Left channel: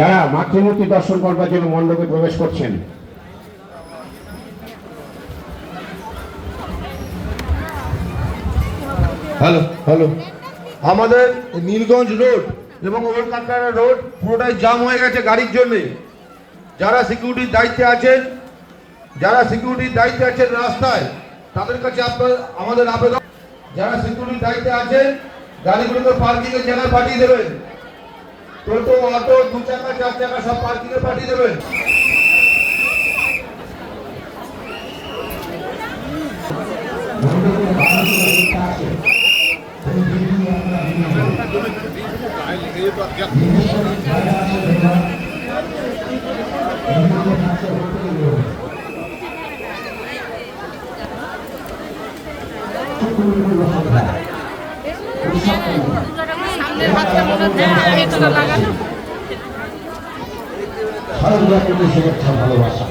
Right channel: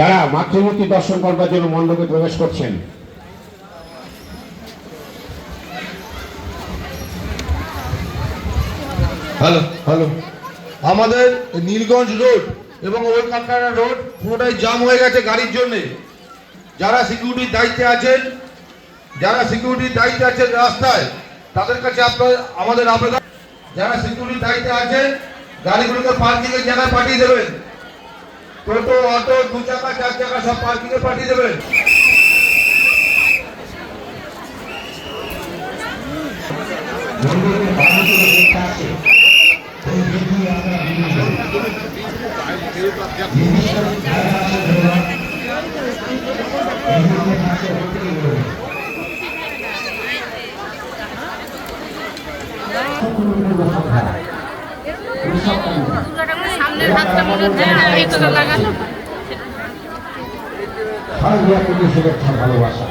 যারা মাতৃমূর্তি দর্শন করবার জন্য মণ্ডপে প্রবেশ করছেন হ্যালো হ্যালো আমাদের নীলগঞ্জ রোড এবং ওল্ড কালকাটা রোড পুরোটাই জাম হয়ে গেছে গাড়ির জন্য। যারা সিকিউরিটির দায়িত্বে আছেন রাস্তায়, তাদের কাছে আমাদের আবেদন, যারা সিকিউরিটির দায়িত্বে আছেন গাড়িগুলোকে পার্কিং এর জায়গায় পাঠিয়ে দেবেন। টোটো, অটো, 2 চাকা 4 চাকা সব পার্কিং এ পাঠিয়ে দেবেন। সামনের হাতটা মনে হচ্ছে আরেকটা লাগানো শুভেচ্ছা ভালোবাসা।